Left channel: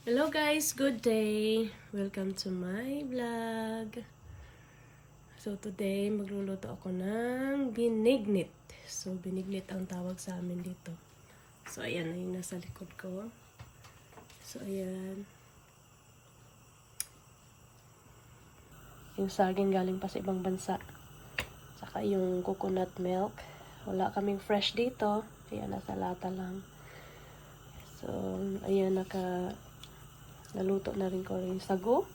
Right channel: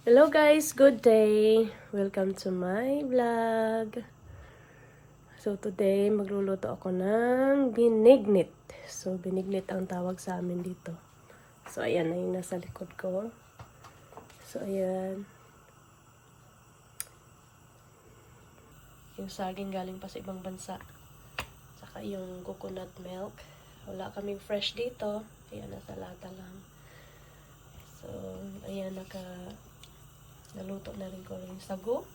Hello guys, good day! Welcome to my vlog. So today, magluluto ako ng binignit. So binignit ang tawag sa amin dito. So ayan na yung nasa likod ko. So ayan. Yung saging galing pa sa ibang bansa. Saka yung coconut milk. Wala kaming fresh dito. Kaya nasa lata lang. So ayan, naluto na rin ko yung sago.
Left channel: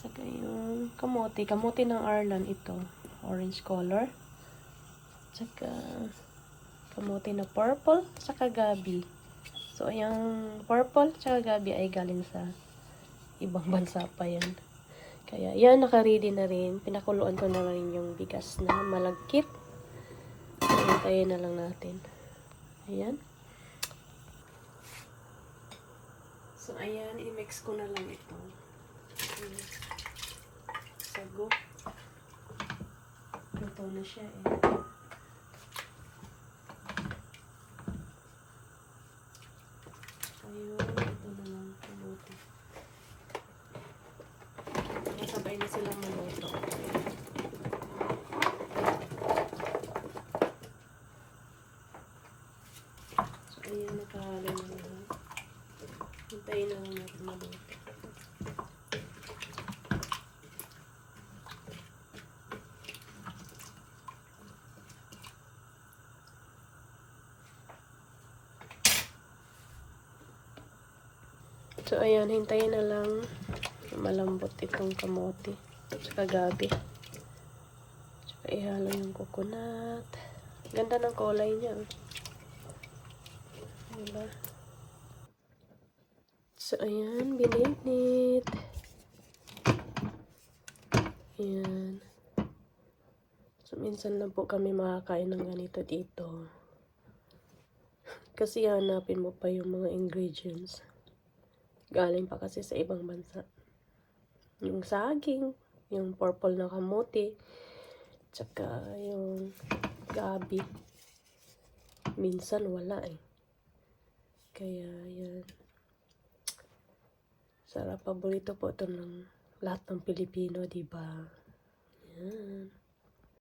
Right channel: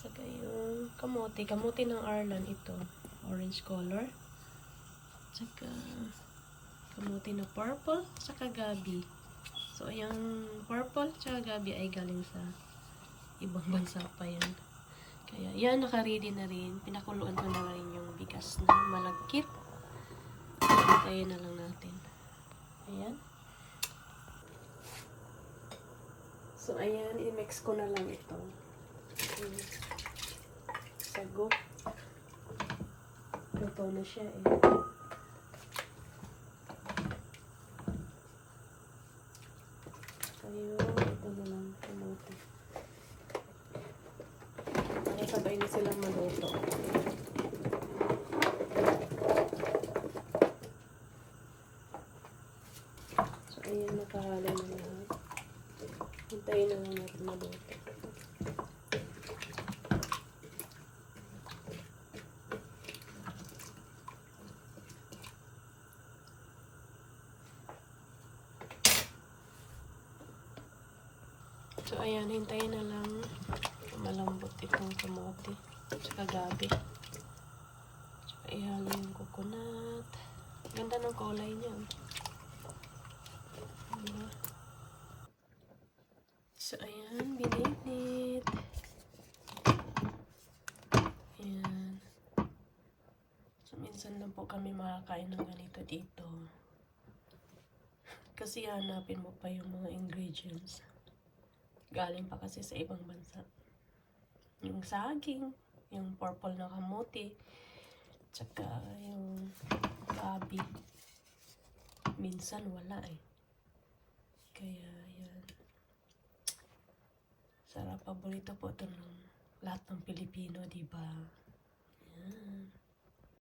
Saka yung kamote. Kamote ng Arlan ito. Orange color. Saka kamote na purple. Saka gabi. So, yung purple saka gabi ay galing sa ibang bansa pa yan. Kaya, yan, naka-ready na rin. Pinakuluan ko na rin yung bigas na malagkit. Hintayin na lang natin. Ayan. So, ayan, i-mix ko na lang ito. Sago. Luto na siya eh. Ayun, ito na lang kamote. Sabay na silang maluto. So, ayan, nakahalo na lahat. Hintayin na lang natin maluto. So, ayan, hintayin na lang malambot itong kamote. Tsaka gabi. Tsaka ihalo yung coconut. Ganda ng kulay niya. Diba? So, ayan, binignit. Ayan. So, minsan lang po kami makakain ng ganito dito. Kasi hanapin mo pa yung mga ingredients. Galing pa kasi sa ibang bansa. Yung saging, yung purple na kamote, tsaka yung gabi. Minsan wala eh. Kaya yan. Sarap, paborito po ito ng lahat ng Pilipino, diba? Yan.